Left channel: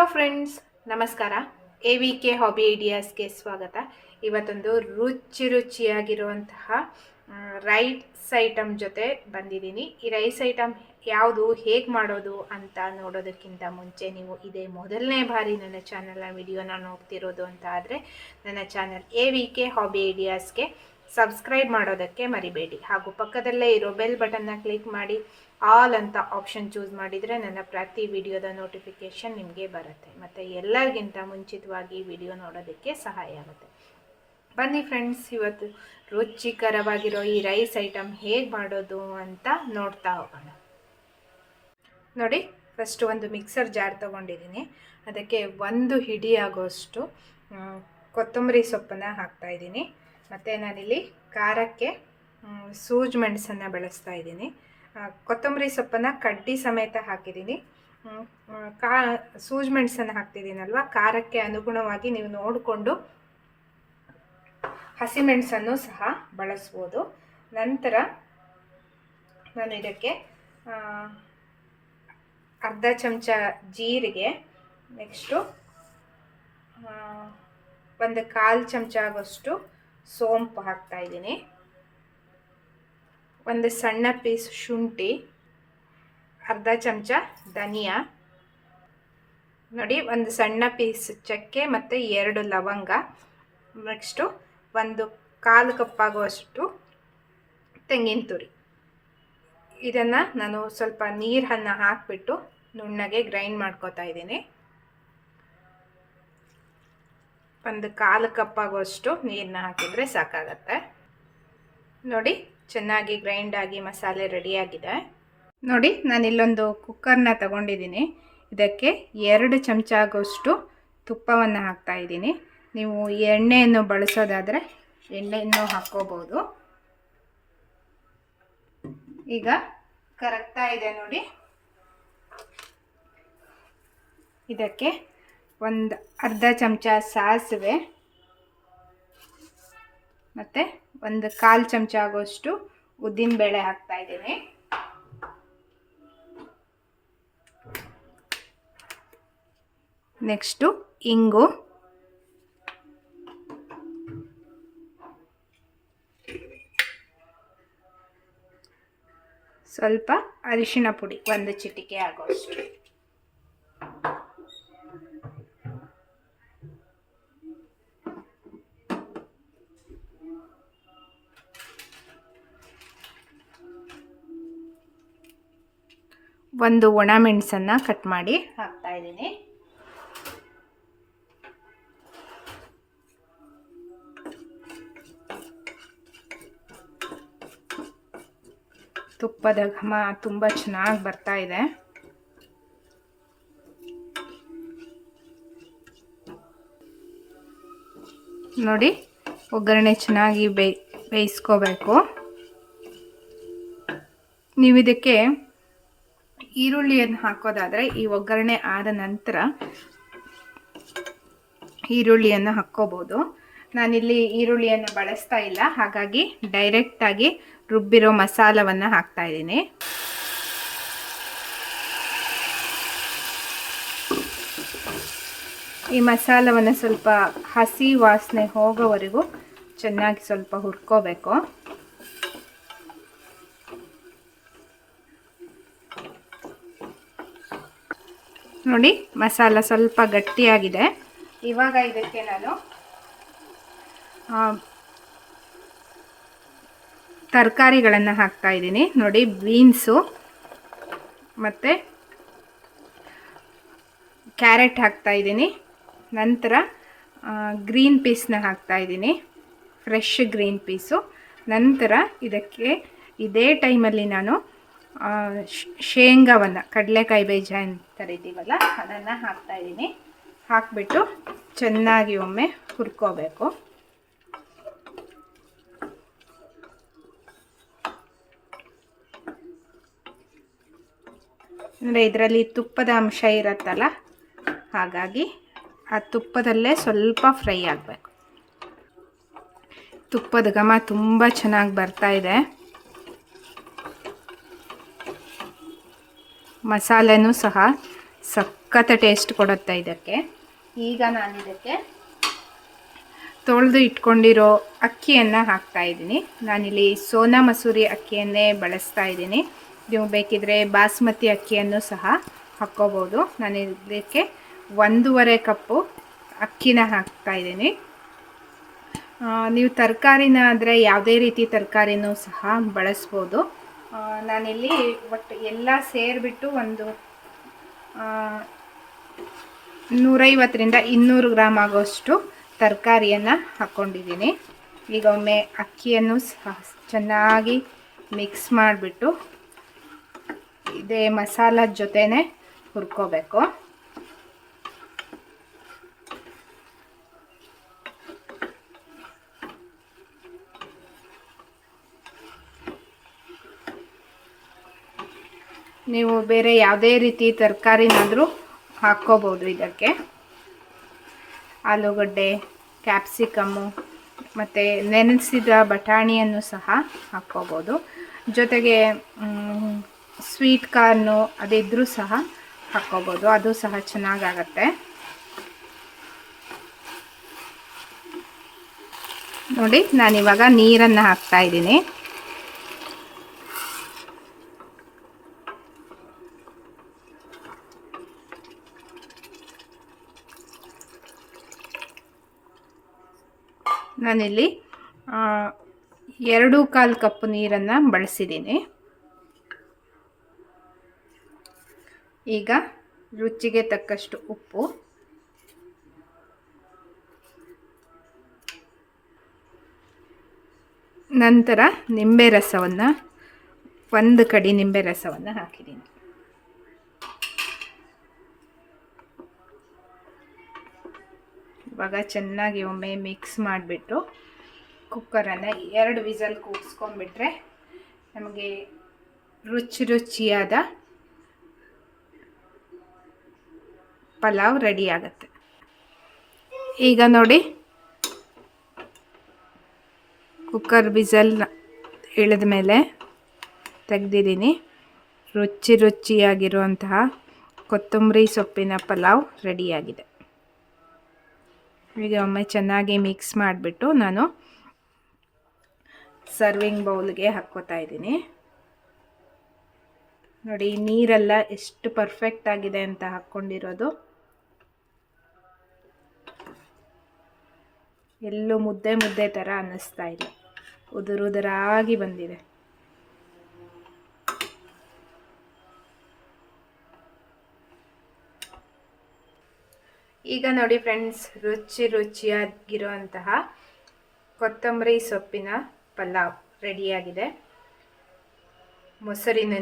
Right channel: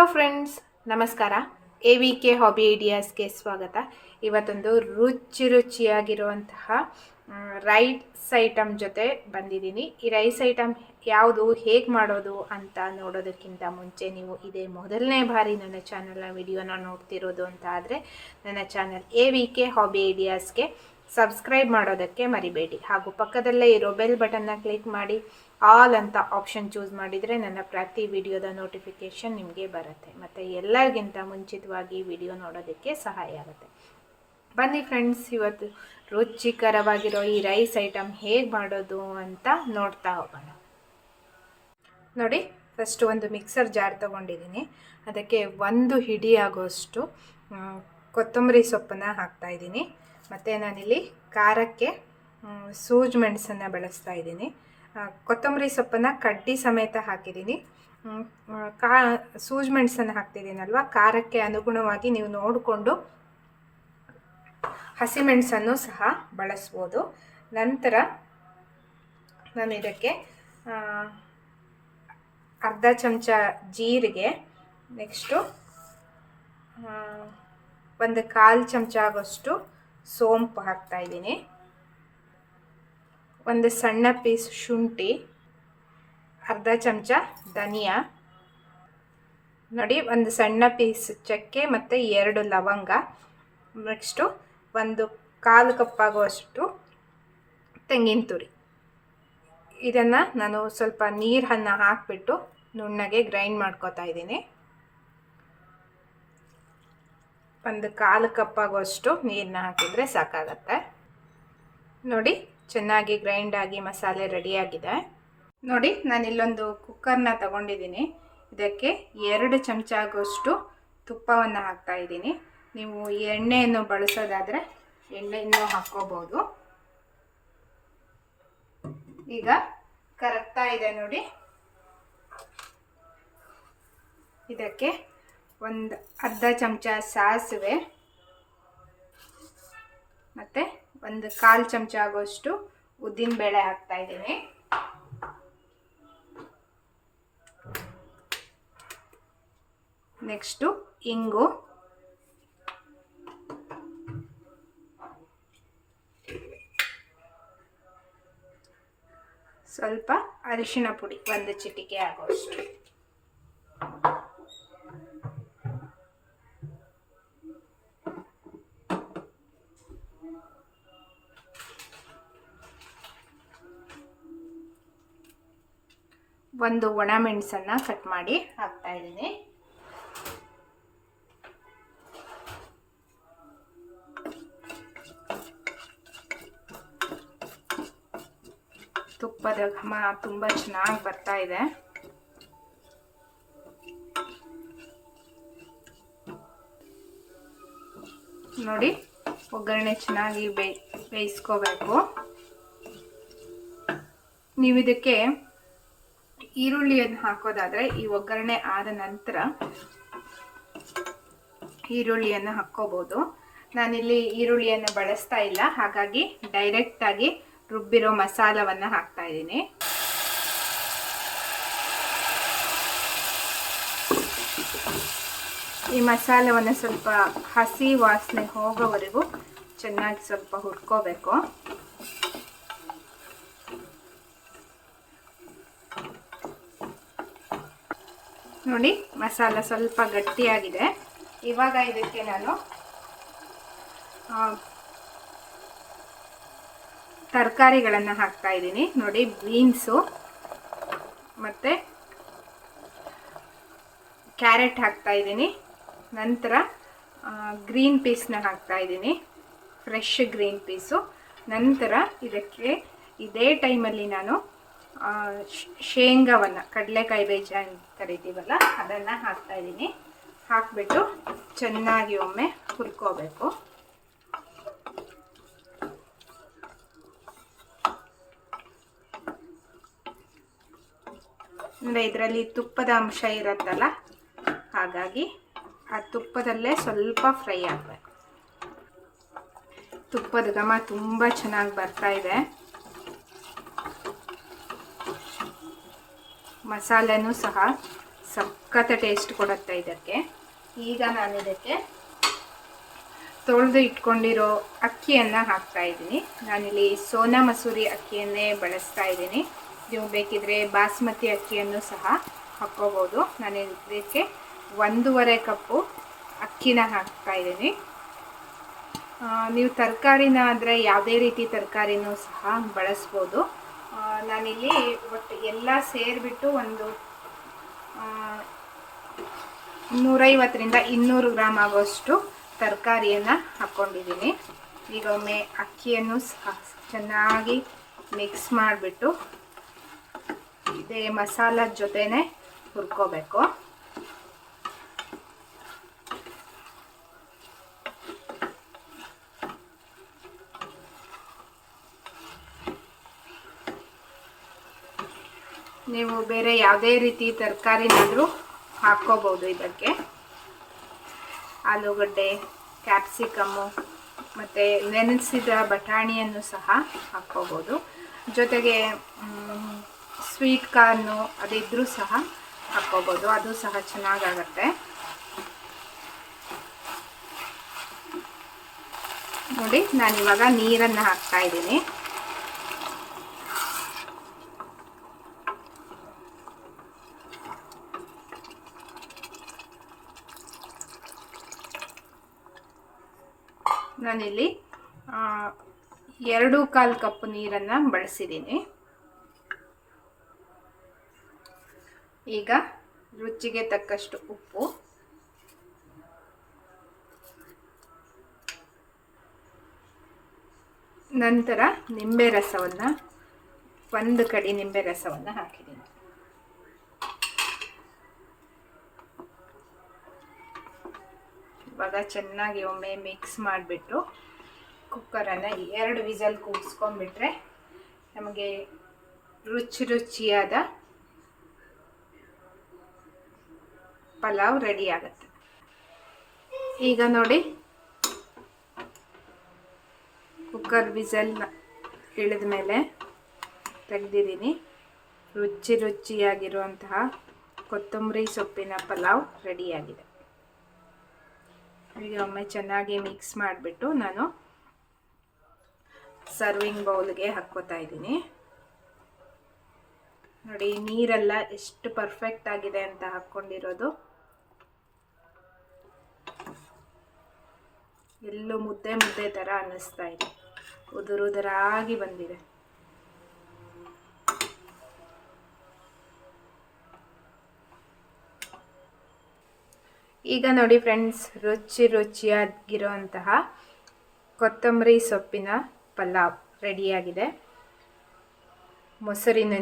Hello friends, ನಮಸ್ಕಾರ. AVK hobby ಐಡಿಯಾಸ್ಗೆ ಸ್ವಾಗತ. ಇವತ್ತೊಂದು ರುಚಿಯಾಗಿರುವಂತಹ ರೈಸ್ ಐಟಮ್ ಜೊತೆ ಬಂದಿದ್ದೀನಿ. ಈ ರೈಸ್ ಐಟಮ್ ಯಾವುದು, ಹೇಗೆ ಮಾಡೋದು ಅಂತ ನೋಡೋದಕ್ಕಿಂತ ಮುಂಚೆ ನೀವು ಇದೇ ಮೊದಲನೇ ಬಾರಿ ನನ್ನ ಚಾನಲ್ನ ವಿಡಿಯೋನ ನೋಡ್ತಿರೋದು ಅಂತ ಆದರೆ ನನ್ನ ಚಾನಲ್ AVK ಹಾಬಿ ಐಡಿಯಾಸ್ಗೆ ಸಬ್ಸ್ಕ್ರೈಬ್ ಮಾಡೋದಕ್ಕೆ ಮರಿಬೇಡಿ. ಹಾಗೂ ಪಕ್ಕದಲ್ಲೇ ಇರೋ ಬೆಲ್ ಬಟನ್ನ ಕ್ಲಿಕ್ ಮಾಡಿ ಆಲ್ ಅಂತ ಆಪ್ಷನ್ ಚೂಸ್ ಮಾಡಿದರೆ ನನ್ನ ಪ್ರತಿ ವಿಡಿಯೋದ ನೋಟಿಫಿಕೇಷನ್ ನಿಮಗೆ ಬರುತ್ತೆ ಮತ್ತು ಎಲ್ಲರಿಗಿಂತ ಮುಂಚಿತವಾಗಿ ವಿಡಿಯೋ ನೋಡೋದಕ್ಕೆ ಸಹಾಯ ಆಗುತ್ತೆ. ಬನ್ನಿ ಫ್ರೆಂಡ್ಸ್, ಇವತ್ತು ರುಚಿಕರವಾಗಿರೋ ಈ ರೈಸ್ ಐಟಮ್ ಹೇಗೆ ಮಾಡೋದು ಅಂತ ನೋಡ್ತಾ ಹೋಗೋಣ. ನೋಡಿ, ಫಸ್ಟ್ ಒಂದು ಮಿಕ್ಸರ್ ಜಾರ್ ತೊಗೊಂಡಿದ್ದೀನಿ. ಅದಕ್ಕೆ ಒಂದು ಹಿಡಿ ಆಗೋಷ್ಟು ಕೊತ್ತಂಬರಿ ಸೊಪ್ಪನ್ನು ಹಾಕ್ತಾಯಿದ್ದೀನಿ. ಮತ್ತು ನಾನಿಲ್ಲಿ ಖಾರಕ್ಕೆ ಸೂಜಿ ಮೆಣಸನ್ನು ಬಳಸ್ತಾ ಇದ್ದೀನಿ. ಕೊತ್ತಂಬರಿ ಸೊಪ್ಪನ್ನು ಕಡ್ಡಿ ಸಮೇತ ಹಾಕಿದ್ದೀನಿ. ಸೂಜಿ ಮೆಣಸನ್ನು ಹಾಕ್ತಿದ್ದೀನಲ್ವ, ಖಾರಕ್ಕೆ ಅನುಗುಣವಾಗಿ ನೀವು ನೋಡಿಕೊಂಡು ಹಸಿಮೆಣಸನ್ನು ಸಹ ಬಳಸ್ಬೋದು. ನಂತರ ನಾನು ಇದಕ್ಕೆ ಅರ್ಧ ಚಮಚ ಜೀರಿಗೆ, ನೆಕ್ಸ್ಟು ಒಂದು 1/4 ಚಮಚ ಆಗೋಷ್ಟು ಸೋಂಪು ಹಾಕ್ತಾಯಿದ್ದೀನಿ. ಒಂದು ಸಣ್ಣ ಪೀಸ್ ಶುಂಠಿ, ಅರ್ಧ ಚಮಚ ಧನಿಯಾ, ನೋಡಿ ಒಂದು ಸಣ್ಣ ಪೀಸ್ ಚಕ್ಕೆ ಮತ್ತು 2 ಲವಂಗ, ನೆಕ್ಸ್ಟು ಒಂದು 1/4 ಕಪ್ ಆಗುವಷ್ಟು ತೆಂಗಿನ ತುರಿ. ಇದನ್ನು ನಾನು ಸ್ವಲ್ಪ ನೀರನ್ನು ಹಾಕಿಬಿಟ್ಟು ನುಣ್ಣಗೆ ಗ್ರೈಂಡ್ ಮಾಡ್ಕೊತಾ ಇದ್ದೀನಿ. ಒಂದು 1/4 ಕಪ್ ಆಗುವಷ್ಟು ನೀರನ್ನ ಹಾಕಿದರೆ ಸಾಕಾಗತ್ತೆ. ನೋಡಿ, ಚೆನ್ನಾಗಿ ಗ್ರೈಂಡ್ ಆಗಿ ಮಸಾಲೆ ರೆಡಿಯಾಗಿದೆ. ನೋಡಿ, ನಾನಿಲ್ಲೊಂದು ಕುಕ್ಕರ್ನ ತಗೊಂಡಿದ್ದೀನಿ. ಇದಕ್ಕೆ 2 ಚಮಚ ಆಗೋಷ್ಟು ತುಪ್ಪವನ್ನು ಹಾಕ್ತಾಯಿದ್ದೀನಿ. ನೀವು ಎಣ್ಣೆಯನ್ನು ಬಳಸೋದಾದರೆ ಎಣ್ಣೆಯನ್ನು ಹಾಕ್ಕೋಬೋದು. ಈಗ ಕರಗ್ತಾ ಇದೆ ನೋಡಿ. ಇದಕ್ಕೆ ಒಂದು ಅರ್ಧ ಚಮಚ ಸಾಸಿವೆ ಮತ್ತು ಒಂದು 1/4 ಚಮಚ ಆಗೋಷ್ಟು ಉದ್ದಿನಬೇಳೆ ಹಾಕ್ತಾಯಿದ್ದೀನಿ. ನೆಕ್ಸ್ಟು ಇಂಗು, ಸ್ವಲ್ಪ ಅರಿಶಿಣ ಪುಡಿ, 1 ಚಿಟಿಕೆ ಆಗೋಷ್ಟು. ಒಂದು ಒಣಮೆಣಸನ್ನು ಕಟ್ ಮಾಡಿ ಹಾಕ್ತಾಯಿದ್ದೀನಿ. ತುಪ್ಪದ ಘಮ ತುಂಬ ಚೆನ್ನಾಗಿ ಬರ್ತಾ ಇದೆ. ನೋಡಿ, ಒಗ್ಗರಣೆ ಚೆನ್ನಾಗಿ ಬೇಯಿಸ್ಕೋಬೇಕು. ನೀವು ಇದಕ್ಕೆ ಈರುಳ್ಳಿಯನ್ನು ಹಾಕೋದಾದರೆ ಈ ಒಗ್ಗರಣೆ ಆದ ನಂತರ ಈರುಳ್ಳಿಯನ್ನು ಹಾಕ್ಕೋಬೋದು. ನಾನಿಲ್ಲಿ ಈರುಳ್ಳಿಯನ್ನು ಬಳಸ್ತಾ ಇಲ್ಲ, ಹಾಗಾಗಿ ಡೈರೆಕ್ಟಾಗಿ ರುಬ್ಬಿರೋ ಮಸಾಲವನ್ನು ಹಾಕ್ತಾಯಿದ್ದೀನಿ. ಈ ಮಸಾಲವನ್ನು ಸ್ವಲ್ಪ ಹಸಿ ವಾಸನೆ ಹೋಗೋವರೆಗೂ ಚೆನ್ನಾಗಿ ಸ್ವಲ್ಪ ಹುರ್ಕೋಬೇಕು. ನೋಡಿ, ಮಸಾಲ ಸ್ವಲ್ಪ ಗಟ್ಟಿಯಾಗಿದೆ. ಇವಾಗ ಇದಕ್ಕೆ ನಾನು ತರಕಾರಿಗಳನ್ನು ಹಾಕ್ತಾಯಿದ್ದೀನಿ. ನೋಡಿ, ಬೀನ್ಸು ಮತ್ತು ಕ್ಯಾರೆಟ್ ಹಾಕ್ತಾಯಿದ್ದೀನಿ. ನಂತರ ಗ್ರೀನ್ ಪೀಸ್ನ ಹಾಕ್ತಾಯಿದ್ದೀನಿ, ಫ್ರೆಶ್ ಗ್ರೀನ್ ಪೀಸು. ನಂತರ ಇದಕ್ಕೆ ಇದೇ ಟೈಮಲ್ಲಿ ನಾನು ಶೇಂಗಾವನ್ನು, ಕಡಲೆಕಾಯಿ ಬೀಜ ಅಂತ ಕರಿತೀವಲ್ಲ, ಅದನ್ನು ಹಾಕ್ತಾಯಿದ್ದೀನಿ. ಹಾಕಿಬಿಟ್ಟು ಚೆನ್ನಾಗಿ ಒಮ್ಮೆ ಹುರ್ಕೋಬೇಕು. ಅಂದರೆ ಇದರಲ್ಲಿ ತುಪ್ಪದ ಅಂಶ ಇರುತ್ತಲ್ಲ, ಹಾಗಾಗಿ ಆ ತುಪ್ಪದಲ್ಲೇ ಸ್ವಲ್ಪ ಫ್ರೈ ಆಗಬೇಕು. ತುಪ್ಪದ ಘಮ ತುಂಬ ಚೆನ್ನಾಗಿ ಬರ್ತಾ ಇದೆ. ಮಸಾಲೆನೂ ಸಹ ಸಖತ್ ಟೇಸ್ಟ್ ಕೊಡುತ್ತೆ ಇದಕ್ಕೆ. ಈಗ ನಾನು ಇದಕ್ಕೆ ತೊಳೆದು ಇಟ್ಕೊಂಡಿರೋ ಅಕ್ಕಿಯನ್ನು ಹಾಕ್ತಾಯಿದ್ದೀನಿ. ನಾನಿಲ್ಲಿ ಸೋನಾ ಮಸೂರಿ ಅಕ್ಕಿಯನ್ನೇ ಬಳಸ್ತಾ ಇದ್ದೀನಿ. ನೀವು ಬೇಕಿದ್ರೆ ಬಾಸ್ಮತಿ ಅಕ್ಕಿಯನ್ನು ಸಹ ಹಾಕ್ಕೋಬೋದು. ನಾನು ಇದಕ್ಕೆ 1.5 ಕಪ್ಪು ಅಕ್ಕಿನ ಹಾಕ್ತಾಯಿದ್ದೀನಿ. ನೀವು ತರಕಾರಿನ ಆದರೆ ಯಾವುದೇ ರೀತಿ ತರಕಾರಿನೂ ಸಹ ಬಳಸ್ಬೋದು. ನಾನಿಲ್ಲಿ ಒಟ್ಟು ಎಲ್ಲ ಸೇರಿಬಿಟ್ಟು ಒಂದು 150ರಿಂದ 200 ಗ್ರಾಮ್ ಆಗೋಷ್ಟು ತರಕಾರಿಯನ್ನು ಹಾಕ್ಕೊಂಡಿದ್ದೀನಿ. ಈಗ ಒಮ್ಮೆ ಅಕ್ಕಿಯನ್ನು ಸಹ ಚೆನ್ನಾಗಿ ಮಿಕ್ಸ್ ಮಾಡಿಬಿಟ್ಟು ಇದೇ ಮಸಾಲದ ಜೊತೆನೇ ಹುರ್ಕೋಬೇಕು. ನೀವು ಬೇರೆ ಯಾವುದೇ ರೀತಿ ತರಕಾರಿನಾದರೂ ಹಾಕ್ಕೋಬೋದು. ಇದಕ್ಕೆ ಆಲೂಗಡ್ಡೆ, ಕ್ಯಾಪ್ಸಿಕಮ್ಮು ಮತ್ತು ನೆನೆಸಿದ ಬಟಾಣಿಯನ್ನು ಸಹ ಹಾಕ್ಕೋಬೋದು. ಜೊತೆಗೆ ಸ್ವೀಟ್ ಕಾರ್ನು ಅದಿದ್ರೂ ಸಹ ಹಾಕ್ಕೋಬೋದು, ಅದು ಸಹ ಚೆನ್ನಾಗಾಗತ್ತೆ. ನೋಡಿ, ನಾನಿವಾಗ ನೀರನ್ನು ಹಾಕ್ತಾಯಿದ್ದೀನಿ. ನಾನಿಲ್ಲಿ 2.25 ಕಪ್ ನೀರನ್ನು ಬಳಸಿದ್ದೀನಿ. ಈಗ ರುಚಿಗೆ ತಕ್ಕಷ್ಟು ಉಪ್ಪು, ನಂತರ ನಿಂಬೆ ರಸವನ್ನು 1 ಕಡಿ ನಿಂಬೆ ರಸವನ್ನು ಹಾಕಿದ್ದೀನಿ. ಇವಾಗ ಚೆನ್ನಾಗಿ ಒಮ್ಮೆ ಮಿಕ್ಸ್ ಮಾಡಿಬಿಟ್ಟು ಕುಕ್ಕರನ್ನು 2 ವಿಸಲ್ ಕೂಗಿಸ್ಕೊಂಡ್ಬಿಟ್ರೆ ನಮಗೆ ರುಚಿಯಾದ ಪಲಾವ್ ರೆಡಿ ಆಗುತ್ತೆ. ಈಗ ನೋಡಿ, ಕುಕ್ಕರ್ ವಿಸಲ್ ಇಳಿದ ಮೇಲೆ ತೆಗೆದಿದ್ದೀನಿ. ರುಚಿಯಾಗಿರುವಂತಹ ಕೊತ್ತಂಬರಿ ಸೊಪ್ಪಿನ ಪಲಾವ್ ರೆಡಿಯಾಗಿದೆ. ಈಗ ಒಮ್ಮೆ ಚೆನ್ನಾಗಿ ಮಿಕ್ಸ್ ಮಾಡಿಬಿಟ್ಟು ನಾನು ಸರ್ವಿಂಗ್ ಬೌಲ್ಗೆ ಹಾಕ್ಕೋತಾ ಇದ್ದೀನಿ. ನೋಡಿ, ನೀರೆಲ್ಲ ಎಷ್ಟು ಪರ್ಫೆಕ್ಟ್ ಆಗಿದೆ ಅಂತ ಹಾಕ್ಕೊಂಡಿರೋದು. ಎಲ್ಲೂ ಮುದ್ದೆ ಥರ ಅನ್ನಿಸ್ತಾ ಇದೆ, ಉದುರಾಗಿ ಬಂದಿದೆ. ಈಗ ನೋಡಿ ಫ್ರೆಂಡ್ಸ್, ರುಚಿಯಾಗಿರುವಂತಹ ಕೊತ್ತಂಬರಿ ಸೊಪ್ಪಿನ ಪಲಾವ್ ರೆಡಿಯಾಗಿದೆ. ಮೊಸರಿನ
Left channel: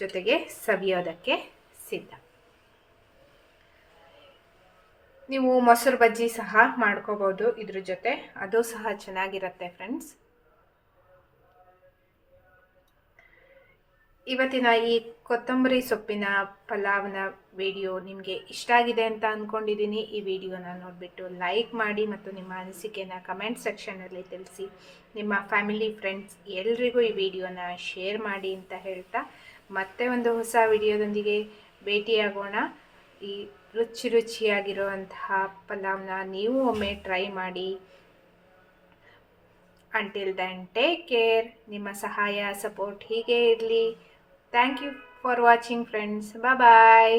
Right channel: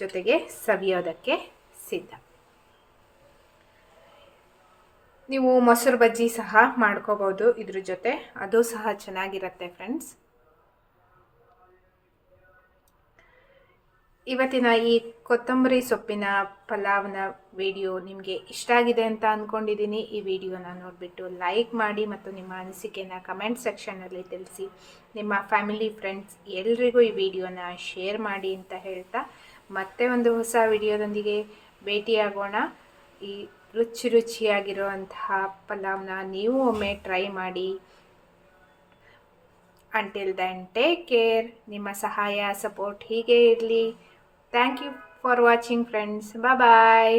ಜೊತೆಗೆ ಸವಿಯೋದಕ್ಕೆ ಸಿದ್ಧ. ನೀವು ಮೊಸರು ಬಜ್ಜಿ ಸಹ ಮಾಡ್ಕೋಬೋದು ಇದ್ರ ಜೊತೆ, ಅದು ಸಹ ಚೆನ್ನಾಗಿರುತ್ತೆ ಫ್ರೆಂಡ್ಸ್. ಇವತ್ತಿನ ಈ ಕೊತ್ತಂಬರಿ ಸೊಪ್ಪಿನ ಪಲಾವ್ನ ವಿಡಿಯೋ ನಿಮಗೆ ಇಷ್ಟ ಆಗಿದೆ ಅಂತ ಅಂದ್ಕೊಂಡಿದ್ದೀನಿ. ಈ ವಿಡಿಯೋನ ನೋಡಿಬಿಟ್ಟು ಲೈಕ್ ಮಾಡಿ ಮತ್ತು ನಿಮ್ಮ ಅನಿಸಿಕೆನ ಕಮೆಂಟ್ ಸೆಕ್ಷನಲ್ಲಿ ತಿಳಿಸಿ. ನಿಮ್ಮ ಫ್ಯಾಮಿಲಿ, ಫ್ರೆಂಡ್ಸ್ ಎಲ್ರಿಗೂ ಈ ವಿಡಿಯೋನ ಶೇರ್ ಮಾಡಿ ಅಂತ ಹೇಳ್ತಾ, ಮತ್ತೆ ಒಂದು ಹೊಸ ವಿಡಿಯೋದೊಂದಿಗೆ ಭೇಟಿಯಾಗೋಣ. ಈ ರುಚಿಯಾಗಿರುವಂತಹ ಪಲಾವ್ನ ನೀವು ಒಮ್ಮೆ ಟ್ರೈ ಮಾಡಿ. Until then take care. ನಿಮ್ಮ ಸಹಾಯ, ಸಪೋರ್ಟ್ ಹೀಗೆ ಇರಲಿ. Thank you for watching friends. Bye bye.